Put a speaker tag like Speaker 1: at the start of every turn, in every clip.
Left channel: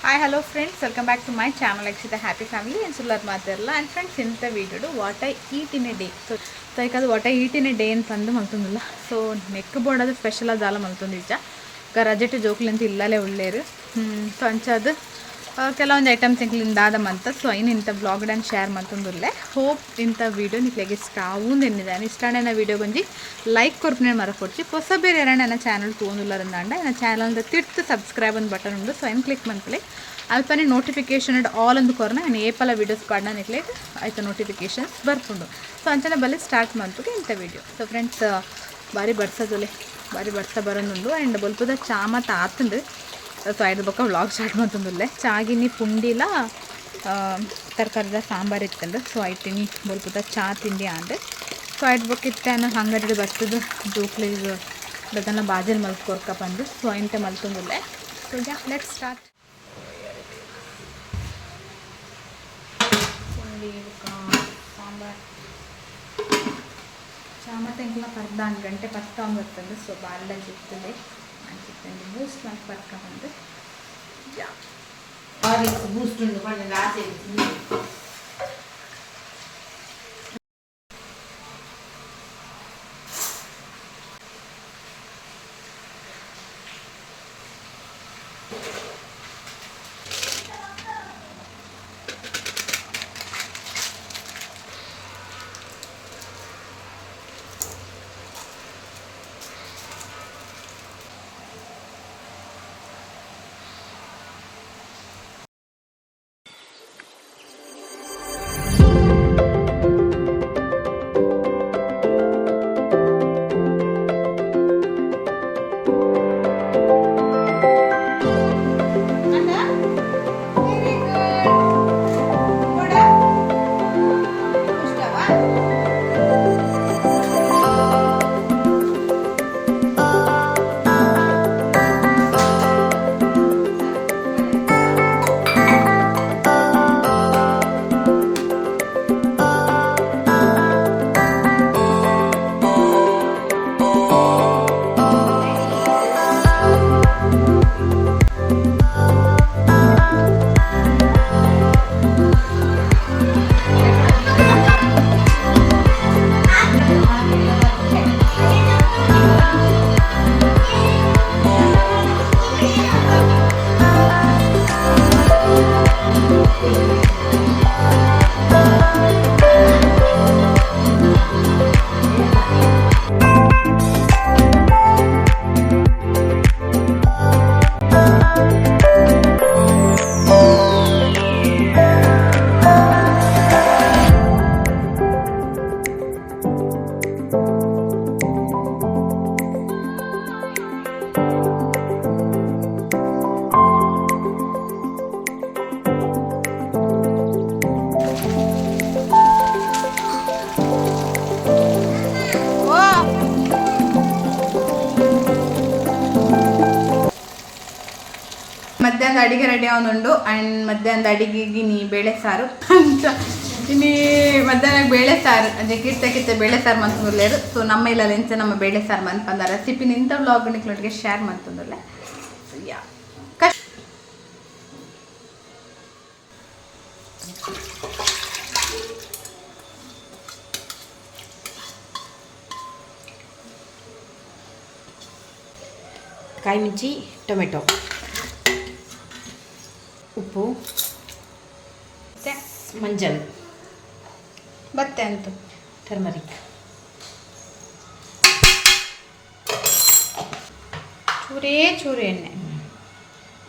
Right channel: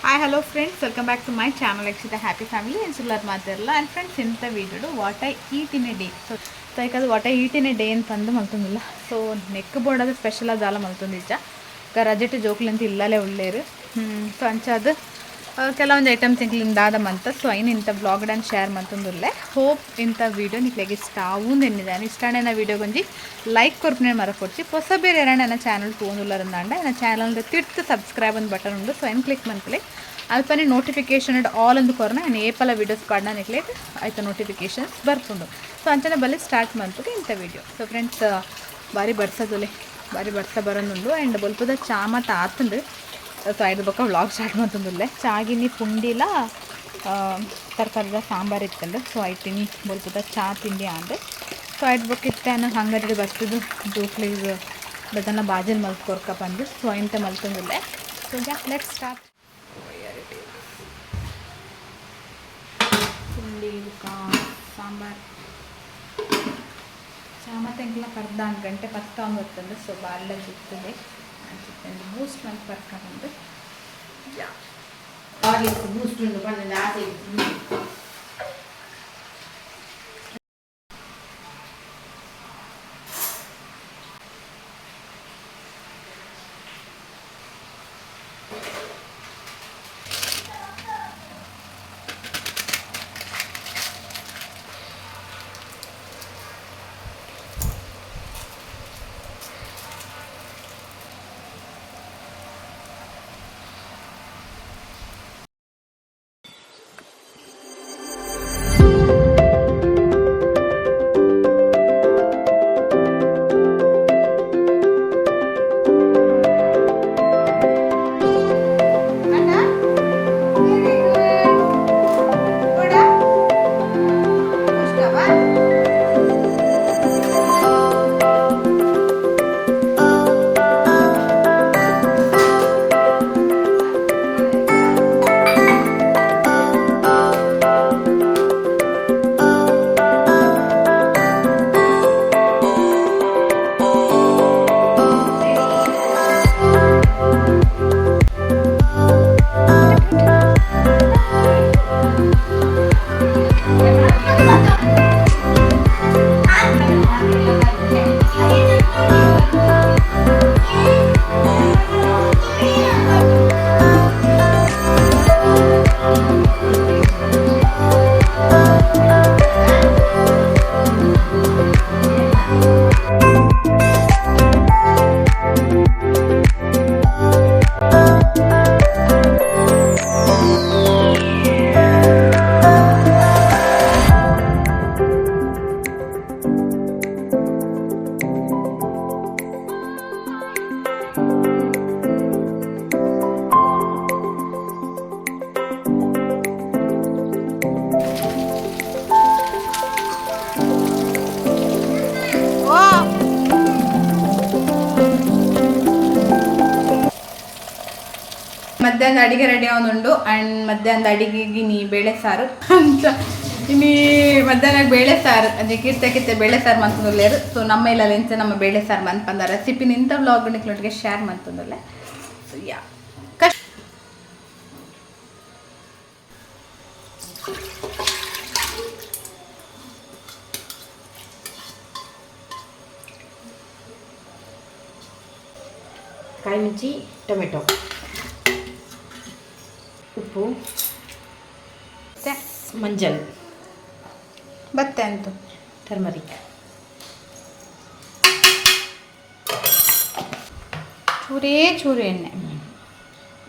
Speaker 1: Hi hello friends welcome back to my channel ಎಕ್ಸಿದ happy family ಸುಳ್ಳರ್ ಮಾತಿರಲ್ಲ and friends ಇಂಥ ವೀಡಿಯೋಡು what I eat in a day so so ಯಾಕಂದ್ರೆ what I eat in a day ಅಂತ ಅಂದು ಮಲ್ತೊಂದಿಲ್ಲ so ನೆಕ್ ಬೋರ್ಡ್ ಅದು ಸ್ಪೆಷಲ್ ಅದಾಲ ಮಲ್ತೊಂದು ನಿಜ ರಜೆಟ್ ಜೋಕ್ಲಿಂತ ಇಲ್ಲಲೇ ಒಳ್ಳೆಯರು ಸೊ ಅಂಚದು ಕೆಲವೊಂದು ಐಟಮ್ ತಿಂಗಳಿಂದ ಆದಮಂತ ಸೊ ಐನು ಇಂಥ ಬ್ಲಾಗ್ ಡನ್ ಶೇರ್ ಮಂತೊಂದುಲ್ಲೆ ಹೋಪ್ ಇಂಥ ವೀಡಿಯೋ ನಿಕ್ಲೆಗೆ ಇಷ್ಟ ಆವೂಂದು ಎನ್ನಿದ್ದಾನೆ ಇಷ್ಟಾನೆ ನಾ ವೀಡಿಯೋ ಗೊಂಜಿ ಲೈಕ್ ಕೊರ್ಪನೆ ಮರಕೊಡ್ಚಿ ಹೊಸ ಬೇರೆ ಯಾರು ನನ್ನ ಚಾನಲ್ ತೊಗೊಂದುಲ್ಲರಂದಾಂಡ ನನ್ನ ಚಾನಲ್ದ ತಿರ್ತು ಸಬ್ಸ್ಕ್ರೈಬ್ ಒಂದು ಬಟನ್ ಉಂಡು ಸೊ ಏನು ಕ್ಲಿಕ್ ಮಂತ್ಲೆ. ಅಲ್ಪನೆ ನೋಟಿಫಿಕೇಶನ್ ಆಲ್ ಅಂದು ಕೊರನ ನಾನು ಏಪಲ ವೀಡಿಯೋಸ್ ಪಾಡ್ನ ನಿಕ್ಲೆ ಆಯ್ತು ನೋಟಿಫಿಕೇಶನ್ಸ್ ಬರ್ಪುಂಡು. ಸೊ ಅಂಚನ ಬಲ್ಲಿ ಸ್ಟಾರ್ಟ್ ಮಂತ್ಗೆ ಇಂಥ ವೀಡಿಯೋ ಸೊ ಫ್ರೆಂಡ್ಸ್ ಬಾರಿ ಬಡ್ಸೋದುಲೆ ಬಾರಿ ಬರ್ತಾ ಬರೋದುಂಡು. ಆ್ಯಂಡ್ ಬಲ್ಪದ ಚಾ ಮತ್ತು ಸೊ ಐದು ಬೊಕ್ಕ ವ್ಲಾಗ್ ಸ್ಟಾರ್ಟ್ ಮಾಡ್ತಂದುಲ್ಲೆ ಚಾಗಿನಿ, ಪುಂಡಿಲ ತರಕಾರಿದ ಸಾಂಬಾರು ಇತ್ತಂದ್ರೆ ಸೊ ಐಟಿನಿ ಬಲ್ಪದ ಚಾ ತಿಂಡಿ ಅಂದೆ ಸೊ ಐದು ಬಕ್ಕ ಇತ್ತಾನ ಹಂಗಡಿ ಬರ್ತದ. ಜೋಕ್ಲಿಗೆ ಅದನ್ನ ಬಾಜಲ್ ಮಲ್ಕೊರ್ಕ ಬಂದು. ಸೊ ಇಂಥ ಮಲ್ತಂದುಲ್ಲೆ. ಸೊ ಲೆಟ್ ಸ್ಟಾರ್ಟ್ ಸಾಂಬಾರು ಚಾ ಮತ್ತು ಕರ್ದ ಒಂದು ಗಂಟೆ ಪತ್ತ ಬರ್ತಂದು ಸೊ ಬಾಲ್ಲ ಜಿರ್ತದೆ ಅನ್ಸುತ್ತೆ ಮೂಸ್ ಮಂತ್ ಬರ್ಕ ಬಂದು ಯಾ
Speaker 2: ಆರಿಸ್ ಬೂಸ್ಟ್ ಉಂಡು ಪಂಡ ಆಸೆ
Speaker 1: ಮಧ್ಯಾಹ್ನದ ಅಡಿಗೆ ರೆಡಿ ಆಗೋದುಂಡು ಆ್ಯಂಡ್ ಮಧ್ಯಾಹ್ನದ ಅಡಿಗೆಗೆ ನೀ ಬೇಳೆ ಸಾರು ಅಂತ ಇನ್ನೀ ಮಧ್ಯಾಹ್ನ ಬೇಳೆ ಸಾರು ಅದೇ ಕಿತ್ತ ಕಿತ್ತ ಬೇಳೆ ಸಾರು ಮಂತಂದುಲ್ಲೇರು ಸೊ ನಮ್ಮ ಇಲ್ಲ ಎಂಚ ನಮ್ಮ ಬೇಳೆ ಸಾರು ಮಂತ್ ಬಂದ ರೆಸಿಪಿ ನಿಂತ ವ್ಲಾಗ್ ನಿಕ್ಲೊಟ್ಟಿಗೆ ಶೇರ್ ಮಂತಂದುಲ್ಲೆ ಸೊ ಯಾ ಕಷ್ಟ
Speaker 2: ಕಾಯಿ ಮಿಂಚಿ ಟೊಮೆಟೊ ಉಪ್ಪು.
Speaker 1: ಮತ್ತು
Speaker 2: ಮಂಜಲ್.
Speaker 1: ಬತ್ತೆ ಅಂತು.
Speaker 2: ಟರ್ಮರಿಕ್.
Speaker 1: ಚೂರೇ ಚೂರು ಎಣ್ಣೆ.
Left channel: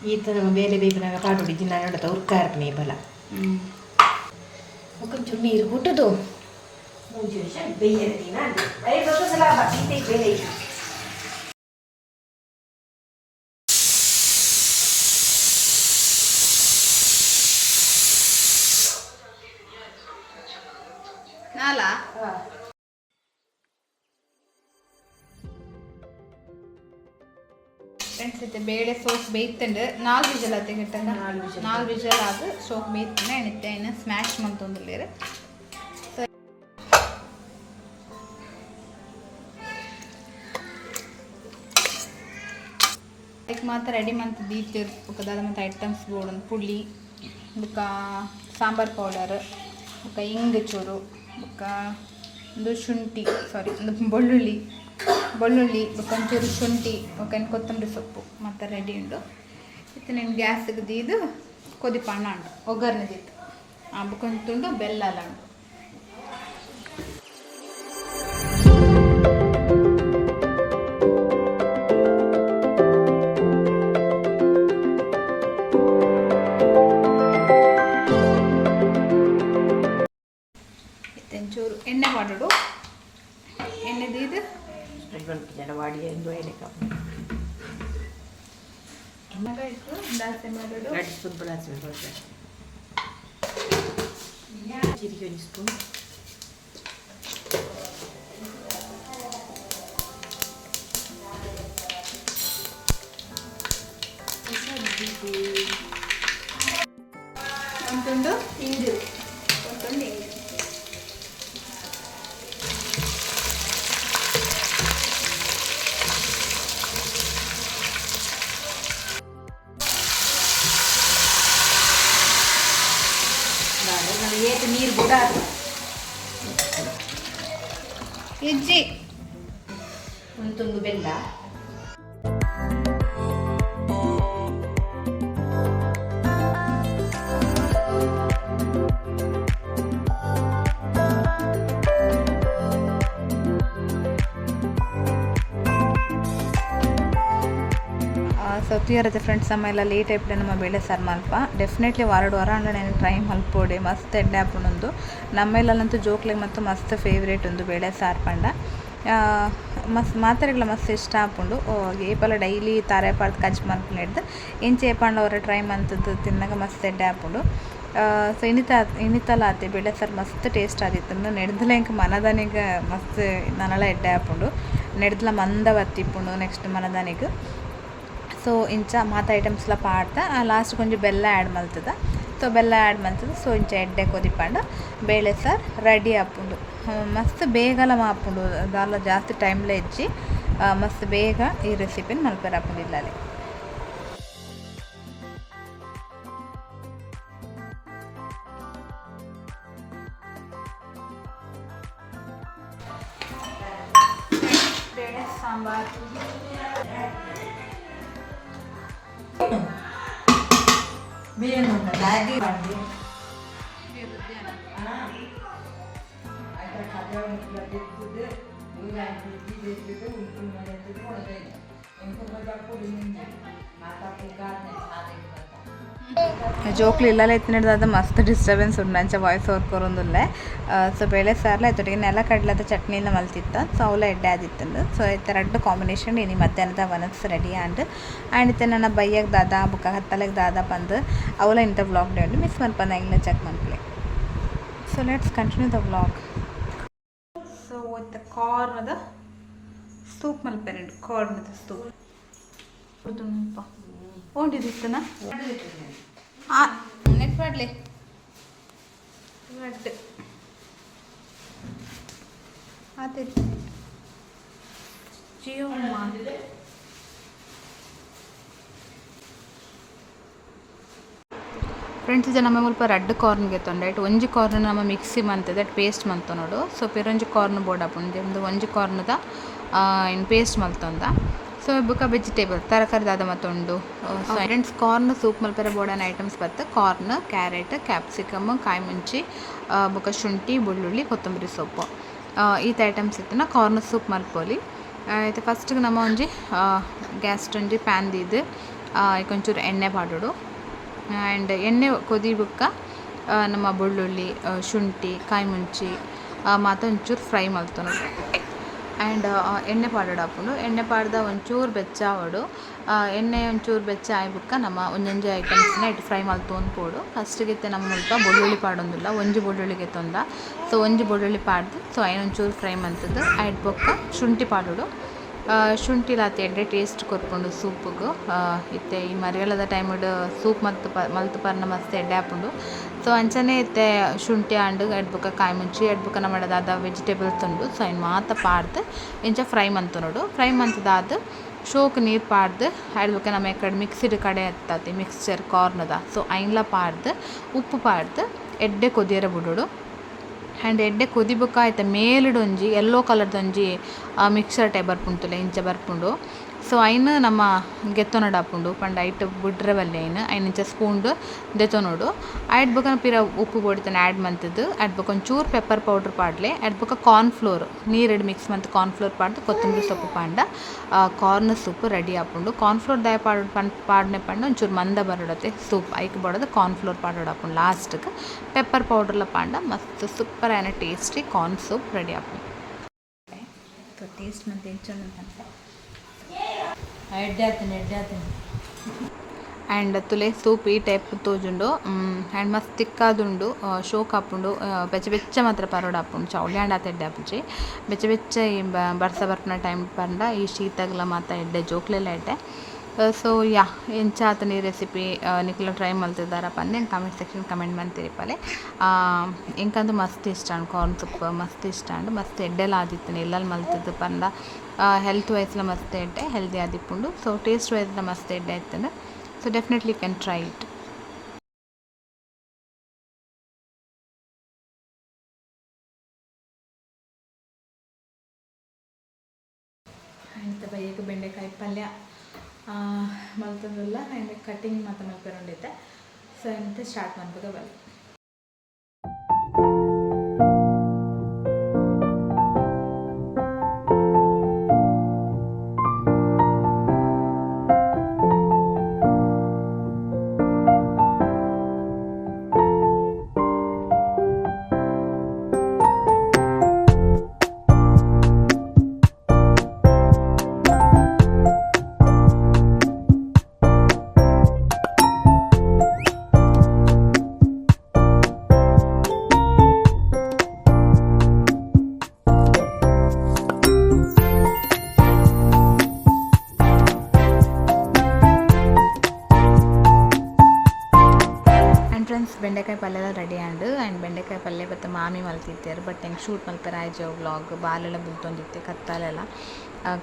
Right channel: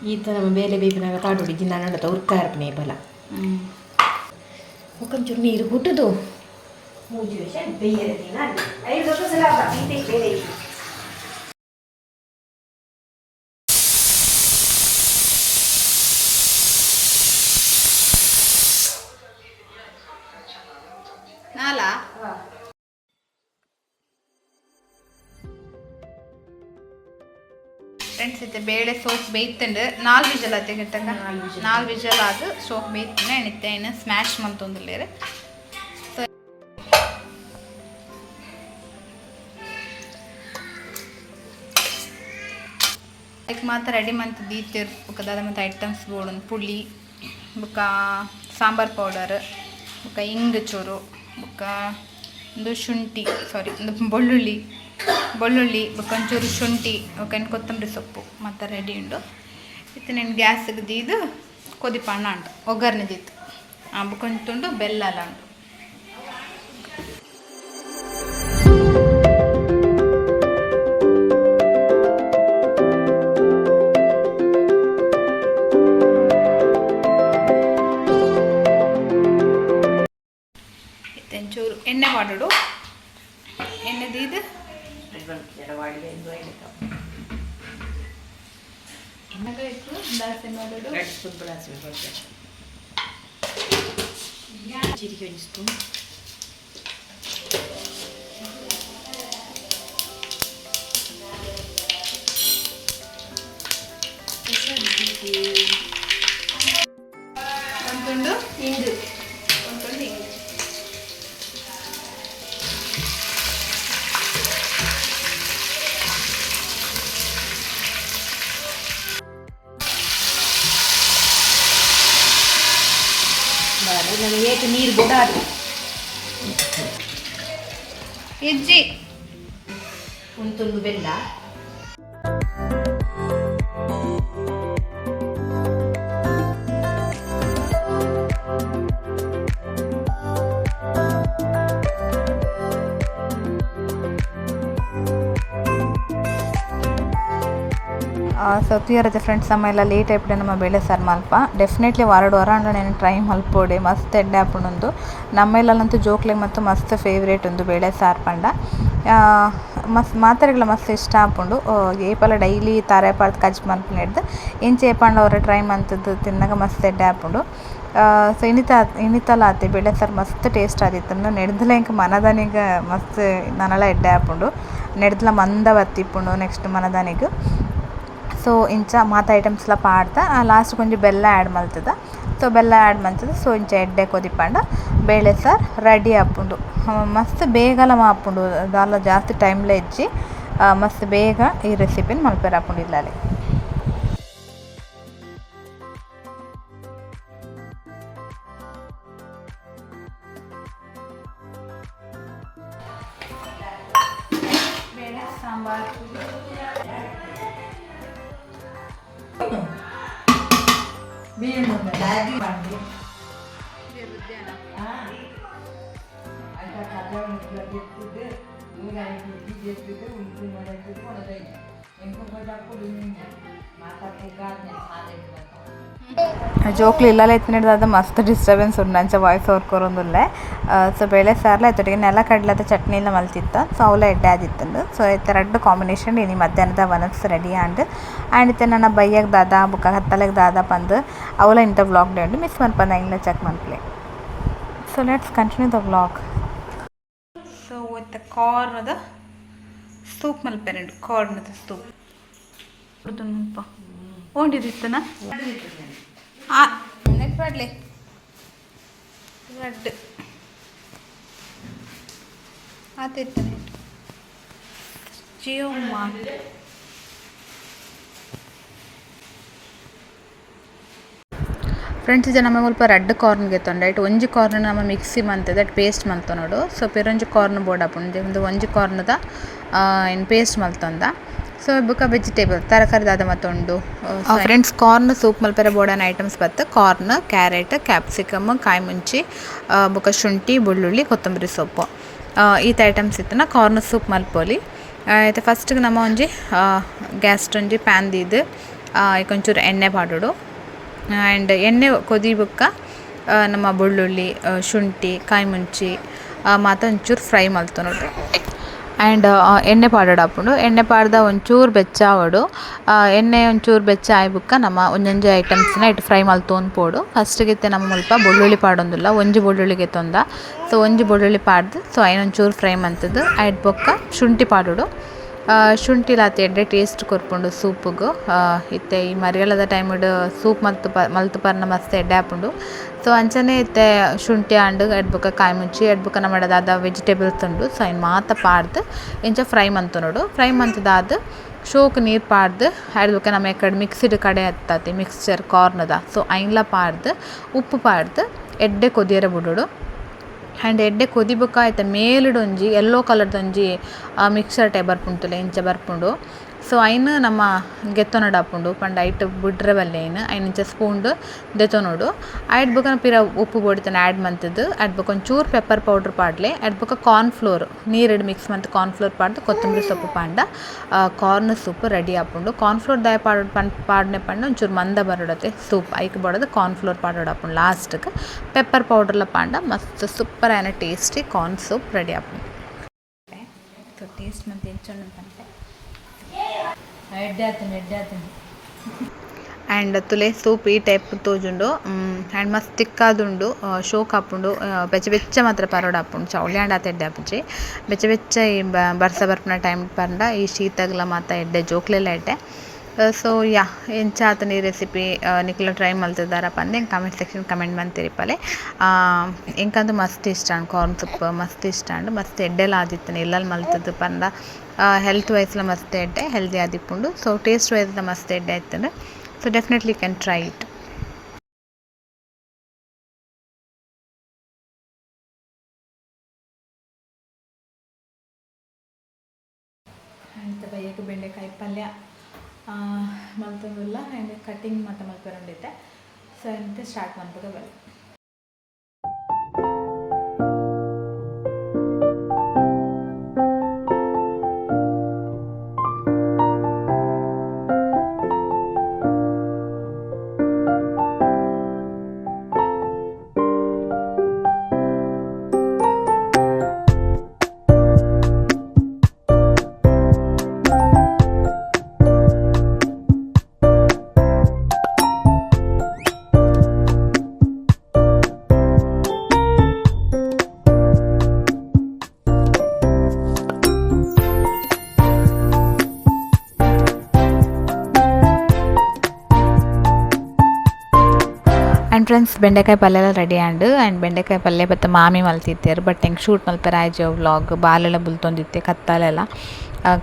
Speaker 2: ಈತ ನಮ್ಮ ಬೇಲೆ ಬೇಕಾಗ ಪಾಟುಡಿ ದಿನ ನೋಡೋದು ಉರ್ಕ ಇರ್ಪನೆ ಬಲ
Speaker 1: ಹ್ಞೂ
Speaker 2: ಒಂಚೂರು ನೀರು ಹುಟ್ಟದು ಮೂರು ವರ್ಷ ಬೇಯದ ದಿನ ಐದು ವರ್ಷ ಸಲ ಬೇರೆ
Speaker 1: ಇತ್ತೆ ಬೇಳೆ ಸೋಪ್ ಬೇಯ್ತಂಡು ನಾಲ್ ವಿಜಲ್ ಆತೆ ಗಿಟ್ಟಂಗ
Speaker 2: ನಾಲ್ ವಿಜಲ್.
Speaker 1: ಅದು ಸೋಪ್ ಬೇಯ್ತಿನ ಎಣಿತ್ತೆ ಇನ್ನು ಸ್ಮ್ಯಾಶ್ ಮಂತೊಂದುಲ್ಲೇರು ಸೊ ಐಕ್ ಮಾತ್ರ ರೆಡಿ ಮಂತ್ ದೀತಿರ್ ಬೊಕ ದಾದ ಮತ್ತು ಐಟಮ್ಸ್ ಬೋಡು ಪುಳಿ ಬೊಕ ಸಾಂಬಾರ್ ಪೌಡರ್ ಬೊಕ ಇಂಗ್ ಚೂರು ಬೊಕ ಒಂದು ಶುಂಠಿ ಸಾರಿ ಒಂದು ಬೆಳ್ಳುಳ್ಳಿ. ಬೆಳ್ಳುಳ್ಳಿ, ಒಂಚೂರು ಶುಂಠಿ ಓಕೆ ಕೊತ್ತಂಬರಿ ಸೊಪ್ಪು ಮತ್ತು ರೆಡಿ ಉಂಡು. ಇತ್ತು నేను ಗ್ಯಾಸ್ಗೆ ದೀದು ಕೊದಿಪಣ್ಣ ಉಂಟು ಒಗ್ಗರಣೆ ದೀತು ಆ ಬೊಕ ಒಂತುಂಡು ಬೆಲ್ಲ ಎಲ್ಲ ಉಂಟು. ಒಂಚೂರು ಎಣ್ಣೆ ಮಾಡಿಡು ಎಣ್ಣೆ ದೀದು
Speaker 2: పెట్టుకొని జడవాడి ఎంజాయ్కం
Speaker 1: సింపుల్
Speaker 2: సింపుల్
Speaker 1: చిరిగి వేసుకో
Speaker 2: Thank you. ನೀರು
Speaker 1: ಇಜ್ಜಿ
Speaker 2: ಒಂದು ತುಂಡು ಬೆಲ್ಲ.
Speaker 1: ಸೊ ತೀರದ ಫ್ರೆಂಡ್ಸ್ ನಮ್ಮ ಎಲ್ಲ ಲೇಟ್ ಆಯ್ಬಿಟ್ಟೆ ನಮ್ಮ ಬೇಳೆ ಸಾರು ಮಲ್ಪ ಡೆಫಿನೆಟ್ಲಿ ವಾರಡು ವಾರ ಅಂದ್ರೆ నేను ಟ್ರೈ ಮಲ್ಪೋಡೆ ಮಸ್ತ್ ಎಡ್ಡೆ ಹಾಪುಂಡು ನಮ್ಮೆಲ್ಲಂತೂ ಜೋಕ್ಲೆ ಮತ್ತು ಮಸ್ತ್ ಫೇವ್ರೇಟ್ ಒಂದು ಬೇಳೆ ಸಾರು ಪಂಡ. ಮಸ್ತ್ ಮಾತಾರೆಗಳ ಮಸ್ತ್ ಇಷ್ಟ ಆ, ಏಪಲ ಡೈಲಿ ತಾರೆ ಪಾರ್ದು ಕಜ್ ಮಲ್ಪನ ಹಿಡ್ದು ಇಂಚೆ ಏಪಂಡ ಅವರ ಟ್ರೈ ಮಂತದ್ದು ತಿನ್ನಾಗ ಮಸ್ತ್ ಎಡ್ಡೆ ಆಪುಂಡು ಸೊ ಇನಿತ ಇನಿತಲ ಆತೆ ಬೇಳೆ ಸಾರು ಮಸ್ತ್ ಟೇಸ್ಟ್ ಆದಿತ್ತು. ನೆಡ್ದಲ ಇಂಕ ಮನದಾನಿಗ ಮಸ್ತ್ ನನಳ ಎಡ್ಡೆ ಆಪುಂಡು ನೆಡ್ದಲ ಮಂದ ಬತ್ತಿಪ್ಪುಂಡು ನೆಕ್ಸ್ಟ್ ಮನದಾನಿಗ್. ಸೊ ಇಂಚ ಮಾತ ಐಟಮ್ಸ್ಲ ಪಾಡ್ದ ಲಾಸ್ಟ್ ಕೊಂಚ ಬೆಲ್ಲ ಆ್ಯಡ್ ಮಲ್ತದ ಸೊ ಬೆಲ್ಲ ಆ್ಯಡ್ ಮಲ್ತದ ಸೊ ಇಂಚ ಎಡ್ಡೆ ಕೊದಿಪಂಡ ಬೇಳೆ ಸಾರ್ ರೆಡಿ ಆಪುಂಡು ಹ, ಮಸ್ತ್ ಬೇಗಲ ಮಾಪುಂಡು ದಾಲ ಜಾಸ್ತಿ ಟೈಮ್ಲ ಇಜ್ಜಿ ಆ, ಮಸ್ತ್ ಬೇಗ ಈ ರೆಸಿಪಿನ ಮಲ್ಪೆರ್ ಆಪುಂಡು ಇಲ್ಲಲ್ಲಿ ಬೇಳೆ ಸಾಂಬಾರು
Speaker 2: மீன் முட்டை மேகி பண்ணி ಅಡ್ಡ ಕದವನ್ನು ಎತ್ತಿದ್ದು ಇವ್ರು ಅಡ್ಡಿದ್ದು ಎತ್ತಿದ್ದು ಉಂಟು ಮಾಡಿದ್ದು ಕೊಡೋದೈತೆ ಎಂಟು ಬಂದಾಗ ಕೊಡು ನಿಂಗೆ ಮಾತಾಡ್ತಿದ್ದ ಅದನ್ನ ಸಾಧ್ಯ
Speaker 1: ಜೋಕ್ಲು ಇಲ್ಲಲ್ಲ ಎತ್ತಿನಿಡ್ದಾದ ಮಸ್ತ್ ಡಿಸ್ಟರ್ಬೆನ್ಸ್ ಉಂಡು ಅಂಚ ವಾಯ್ಸ್ ಓವರ್ ಕೊರೊಂದುಲ್ಲೆ ಸೊ ಬೇಳೆ ಸಾರ್ಲ ಎತ್ತೊಟ್ಟಿಗೆ ನೆಲ ಕಡ್ಲದ ಚಟ್ನಿಲ ಮಲ್ತಿತ್ತ. ಸೊ ಅವಲ ಎಡ್ಡೆ ಆದಿತ್ತಂಡು ಸೊ ಇತ್ತ ಎರಡು ಕಾಂಬಿನೇಷನ್ ಇನಿ ಮಧ್ಯಾಹ್ನದ ವನಸ್ ರೆಡಿ ಆಂಡ್ ಆ್ಯಂಡ್ ಇತ್ತೆ ನನ್ನ ಬೈಯಗ್ ದಾದ, ಬುಕ್ಕ ಹತ್ತಲೆಗ್ ದಾದ ಪಂದ್ ಅವಲ ಇಂಥ ವ್ಲಾಗ್ ಉಂಡು ಮಿಸ್ ಮನ್ಪಂದ ಇಂಗ್ಲ check ಮನ್ಪ್ಲೆ so let's continue the vlog so ಇತ್ತ ಕಾರ್ನದ ಸೂಪ್ ಮಲ್ಪೆರಂಡು ಕಾರ್ನದ ಸೂಪ್ ನೆಟ್ ಮಾಡಲಿ. ಜಿಯೋ ಫ್ರೆಂಡ್ಸ್ ಇದು ನಮ್ಮ ಸ್ವಲ್ಪ ರೆಡ್ ಕಾರ್ನ್ಗೆ ತೊಂಡೆ ಇಟ್ಟು ಒಂಜಿ ಕಾರ್ನ್ ನಮ್ಮ ಮಿಕ್ಸಿ ಮಂತದ ದಟ್ ಪೇಸ್ಟ್ ಮಂತ ನೋಡು. ಸೊ ಪಿರೊಂಜಿ ಕಾರ್ನ್ ಬೋರ್ಡ್ ಹಾಪುಂಡು ಒಂದು ಒಂಜಿ ಕಾರ್ನದ ಇನ್ ಪೇಸ್ಟ್ ಮಲ್ತೊಂದ ಸೊ ಬುಕ್ಕ ವೆಜಿಟೇಬಲ್ ತರಕಾರಿ ದಾದ ಮತ್ತೊಂಡು ಫ್ರೆಂಡ್ಸ್ ಕಾರ್ನ್ ಸೂಪ್ ಮಲ್ಪೆರ ಬೋರ್ಡನ್ ಐಟಮ್ಸ್ ಬತ್ತ ಕಾರ್ನ್ ಕ್ಯಾರೆಟ್ ಕ್ಯಾಪ್ಸಿಕಮ್ ಕಾಯಿ ಮುಂಚಿ ಬುಕ್ಕ ಶುಂಠಿ ಬೆಳ್ಳುಳ್ಳಿ ಕೊತ್ತಂಬರಿ ಸೊಪ್ಪು ಈತ ಐಟಮ್ಸ್ ಇತ್ತನ ಕಾರ್ನ್ ಸೂಪ್ ಮಲ್ಪೊಲಿ ಐತೆ ಫಸ್ಟ್ಗೆ ನಮ್ಮ ಒಂಜಿ ಗ್ಯಾಸ್ಟ್ ಒಂಜಿ ಪ್ಯಾನ್ ದೀದು ಕೊಂಚೂರು ಎಣ್ಣೆ ಪಾಡೋಡು ಆ್ಯಂಡ್ ಎಣ್ಣೆ ಕೊದಿ ಬುಕ್ಕ ನಮ್ಮ ಬೆಳ್ಳುಳ್ಳಿ ಶುಂಠಿ ಕಾಯಿ ಮುಂಚಿ ಮಾತ ಒಂಚೂರು ಫ್ರೈ ಮಲ್ತೊನೊಡು ಆ್ಯಂಡ್ ಎಣ್ಣೆ ಪಾಡೋಡು ಹಾಪುಂಡು ಎಣ್ಣೆ ಪಾಡ್ದ ಒಂಚೂರು ಬೆಚ್ಚ ಆ, ಎಣ್ಣೆ ಒಂಚೂರು ಬೆಚ್ಚ ಆಯ್ಬುಕ್ಕ ನಮ್ಮ ಒಂಜೊಂಜಿ ಐಟಮ್ಸ್ನ ಇಟ್ಟು ಫ್ರೈ ಮಾಲ್ ಪೋಡು. ಫಸ್ಟಿಗೆ ನಮ್ಮ ಮುಲ್ಪ ಬೆಳ್ಳುಳ್ಳಿ ಪಾಡೊಂದಿಲ್ಲ ಒಂಜಿ ಬೆಳ್ಳುಳ್ಳಿಗೆ ತೊಂದ. ಸೊ ಒಂಜಿ ಬೆಳ್ಳುಳ್ಳಿ ಪಾಡ್ದು ಸೊ ಐನೊಂಚೂರು ಫ್ರೈ ಮಂತದ್ದು. ಆಯ್ಡ್ ಬೊಕ್ಕ ಶುಂಠಿ ಪಾಡೋಡು. ಶುಂಠಿ ಲಾತಿ ಎಡ್ಡೆ ಟೇಸ್ಟ್ ಕೊರ್ಪುಂಡು ಸೂಪ್ಗು. ಇತ್ತೆ, ಈ ಮರಿಯಲದ ಟೈಮಡ್ ಸೂಪ್ ಮತ್ತು ಪ, ಮಲ್ತು ಪರ್ನ ಮಸ್ತ್ ಎಡ್ಡೆ ಹಾಪುಂಡು ಸೊ ಅಂಚನೆ ಇತ್ತೆ, ಶುಂಠಿ ಆಂಡ್ ಎಡ್ಬುಕ ಕಾಯಿ ಮುಂಚಿ ಎಡ್ಬುಕ ನಮ್ಮಡದಾದ ವೆಜಿಟೇಬಲ್ಸ್ ಉಂಡು. ಸೊ ಇನ್ನು ಮಾತ ಪಾಡ್ದು, ಇಂಚ ಫ್ರೈ ಮಂತುನೋಡು ಫ್ರೈ ಮಂತದಾದ ಶೋಕ್ ನೀರು ಪಾಡ್ದು ಅದಕ್ಕೆ ನಮ್ಮ ಕಡೆ ಮಿಕ್ಸಿಡ್ ಕಡೆ ಎತ್ತಾತಿ ಮಿಕ್ಸ್ಚರ್ ಕಾರ್ನದ ಸೊ ಐನ್ಲ ಪಾಡ್ದು, ಉಪ್ಪು ಪಾಡ್ದು, ಎಡ್ಡೆ ಕೊದಿಯರ ಬಿಡೋಡು. ಆ್ಯಂಡ್ ಎಡ್ಡೆ ಕೊದಿಬೇಕಾಯ್ತ ಮೇಲಿಡೊಂಜಿ ಎಲ್ಲೋ ಕಲರ್ದೊಂಜಿ ಮಿಕ್ಸರ್ ಟೈ ಬರ್ಪುಂಟುಲೆ ಇಂಚ ಬರ್ಪುಂಡು ಸೊ ಇಂಚ ನಮ್ಮ ಗೆತ್ತೊನಡು ಆಪುಂಡು ಪಂಡ ಐಟ್ ಬಿಡ್ರೆ ಬಲ್ಲೆ ಐನ್ ಐನ್ ಇಂಚ ಸ್ಪೂನ್ ದೆತೊನೋಡು ಆಯ್ಡ್ ಬೊಕ ಪಿರ ಉಪ್ಪು ಬೋಡಿತನ ಆ್ಯಡ್ ಮಂತದ್ದು. ಆಯ್ಡ್ ಬೊಕ ಒಂಚೂರು ಪೆಪ್ಪರ್ ಪೌಡ್ರ್ ಪಾಡ್ಲೆ. ಆಯ್ಡ್ ಬೊಕ ಕಾರ್ನ್ ಫ್ಲೋರ್ ನೀರೆಡ್ ಮಿಕ್ಸ್ ಮಂತ್ ಕಾರ್ನ್ ಫ್ಲೋರ್ ಪಾಡ್ದು, ಕೊತ್ತಂಬರಿ ಸೊಪ್ಪು ಪಾಂಡ ಕಾರ್ನ್ ಸೂಪ್ ರೆಡಿ ಆಪುಂಡು ಕಾರ್ನ್ ಫ್ಲೋರ್ ದಾಯ ಪಾಡ್ ಪಾಡ್ನೆ ಪಂಡ ಒಂಚೂರು ಮಂದ ಬರೋಡತೆ ಸೂಪ್ ಐಕ್ ಕಾರ್ನ್ ಫ್ಲೋರ್ ಪಾಡೋಡು ಆಪುಂಡು ಲಾಸ್ಟ್ಗೆ ಪೆಪ್ಪರ್ ಪೌಡರ್ಲ ಪಾಂಡ, ಮಸ್ತ್ ಸೂಪರ್ ಆಯ್ನ ಟೇಸ್ಟಿ ಕಾರ್ನ್ ಸೂಪ್ ರೆಡಿ ಆಪುಂಡು ಸೊ ಟೇಸ್ಟ್ ಮಂತ್ ಎಂಚೊಂದು ಅಂತಂತೆ ಎಡ್ಡೆ ಆತನೆ ಎಡ್ಡೆ ಆತನೆ ಆ್ಯಂಡ್ ತುಲೆ ಸೂಪ್ ಈ ಟೈಪ್ ತೋಜುಂಡು ಆ್ಯಂಡ್ ಮಸ್ತ್ ತಿಕ್ಕಾದುಂಡು ಶೋಕ್ ಆಪುಂಡು ಬೆಚ್ಚ ಬೆಚ್ಚ ಮಾತ್ರ ಪರೋಡ ಆಪುಂಡು ಚೌಳಿ ಆಂಡ್ ಆತ ಎಡ್ಡೆ ಆಪುಜಿ ಬೆಚ್ಚ ಬೆಚ್ಚ ಈ ಬರ್ಸ ಬರ್ಪನ ಟೈಮ್ ಪಂಡ ಈ ಶೀತಗ್ಲ ಮಾತ ಎಡ್ಡೆ ಜೋಕ್ಲೆಲ್ಲ ಎಡ್ಡೆ ಸೊ ಯಾ ಎಂಚ ಆತನ ಈ ರೆಸಿಪಿ ನಿಕ್ಲ ಟ್ರೈ ಮಲ್ತಿದ್ದಾರಪ್ಪ ಪಂದೆ ಕಮೆಂಟ್ ಸೆಕ್ಷನ್ ಕಮೆಂಟ್ ಮಂತಿರಿ ಪಲೆ ಎಂಕಂದು ಮಸ್ತ್ ಇಷ್ಟ ಅಂಡ್ ಕಾರ್ನ್ ಸೂಪ್ ಮಸ್ತ್ ಇಷ್ಟ ಅಂಡ್ ಮಸ್ತ್ ಎಡ್ಡೆಲ್ಲ ಆದಿತ್ತನೆ ಎಲ್ಲಲ್ಲಿ ಮಲ್ತದ್ದು ಪಂದ. ಹೆಲ್ತ್ ವೈಸ್ಲ ಮಸ್ತ್ ಎಡ್ಡೆ ಹೆಲ್ದಿ ಆದಿಪ್ಪುಂಡು. ಸೊ ಟೇಸ್ಟ್ ವೈಸ್ಲ ಮಸ್ತ್ ಎಡ್ಡೆ ಆಯ್ತಂದ್ರೆ so definitely can try it ಮಲ್ತಂದಿಲ್ಲ and cutting ಮತ್ತೆ ಮಲ್ಪೆರೊಂಡಿದ್ದೆ ಸೊ ಅಂತ ಸ್ಟಾರ್ಟ್ ಮಾಡ್ಬೇಕು ಬಲ್ಲ ಬೆಂಡೆಕಾಯಿ ಪಲ್ಯ ಎಲ್ಲ ರೆಡಿ ಆಂಡ್ ಆ್ಯಂಡ್ ಬೆಂಡೆಕಾಯಿ ಪಲ್ಯ ಮತ್ತು ಮಾಮಿ ಮಲ್ತಿದ್ದೇರು. ಬಟ್ ಹೆಂಗೆ ಶೂಟ್ ಮಲ್ಪೆರ ಆಯ್ಜೋ ವ್ಲಾಗ್ ಬಾಲೆಲ್ಲ ಬುಲ್ತೊಂದಿತ್ತೆ ಕತ್ತಲೆಲ್ಲ.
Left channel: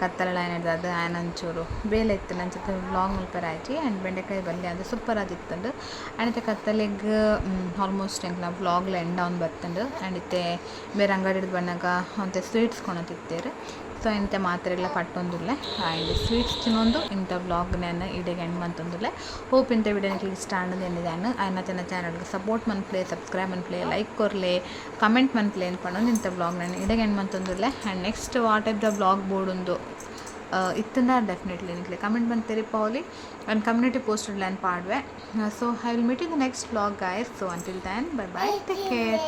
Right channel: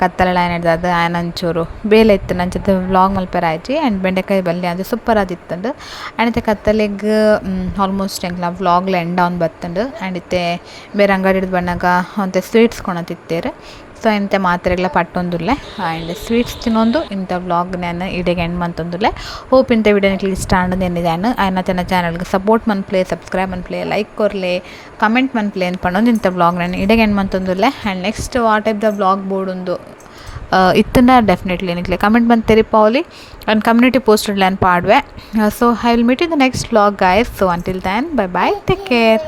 Speaker 1: ಕತ್ತಲೆಲ್ಲ ಏನು ಹಿಡ್ದು ಅದು ಆಯ್ನ ಒಂಚೂರು ಬೇಲೆ ಇತ್ತು. ನನ್ನ ಜೊತೆ ವ್ಲಾಗ್ ಮಲ್ಪೆರ ಆಯ್ತು ಆ್ಯಂಡ್ ಬೆಂಡೆಕಾಯಿ ಪಲ್ಯ ಅದು ಸೂಪರ್ ಆದಿತ್ತಂಡು ಆ್ಯಂಡ್ ಇತ್ತೆ ಕತ್ತಲೆಗ್ ಆಲ್ಮೋಸ್ಟ್ ಹೆಂಗ್ಲ ವ್ಲಾಗ್ಲ ಎಂಡ್ ಆನ್ ಬತ್ತಂಡು ಆ್ಯಂಡ್ ಇತ್ತೆ ಬೇರೆ ಅಂಗಡಿ ಹಿಡ್ದು ಬಣ್ಣಗ ಒಂತೆ ಸ್ವೀಟ್ಸ್ ಕೊಣತಿತ್ತೇರು. ಸೊ ಇಂಥ ಮಾತ್ರೆಗಳ ಪಟ್ಟೊಂದುಲ್ಲೆ. ಆ್ಯಂಡ್ ಸ್ವೀಟ್ಸ್ ತಿನ್ನೊಂದು ಇಂಥ ವ್ಲಾಗ್ ನಾನು ಇಡೆಗೆ ಎಂಡ್ ಮಂತೊಂದುಲ್ಲೆ ಹೋಪ್ ಇಂಥ ವಿಡಿಯೋ ನಿಕ್ಲಿ ಇಷ್ಟ ಅಂಡ್ ಎನ್ನಿದಾನು ಆಯ್ನ ತನ್ನ ಚಾನಲ್ಗೆ ಸಪೋರ್ಟ್ ಮನ್ಪ್ಲೆ ಸಬ್ಸ್ಕ್ರೈಬ್ ಮನ್ಪ್ಲೆ ಲೈಕ್ ಕೊರ್ಲೆ ಕಮೆಂಟ್ ಮನ್ಪ್ಲೆ ಅಂತ ಪಣ್ಣೊಂದು ಇಂಥ ವ್ಲಾಗ್ ನಾನು ಇಡೆಗೆ end ಮಂತೊಂದುಲ್ಲೆ and next what type the vlog ಬೋರ್ಡೊಂದು ಇತ್ತನ್ನ ಡೆಫಿನೆಟ್ಲಿ ನಿಕ್ಲೆ. ಕಮೆಂಟ್ ಬಂದು ತೆರಿಪಾವಲಿ ಆ್ಯಂಡ್ ಕಮ್ಯುನಿಟಿ ಪೋಸ್ಟ್ ನಾನು ಪಾಡ್ವೆ. So I will meet in the next vlog guys so until then bye bye take care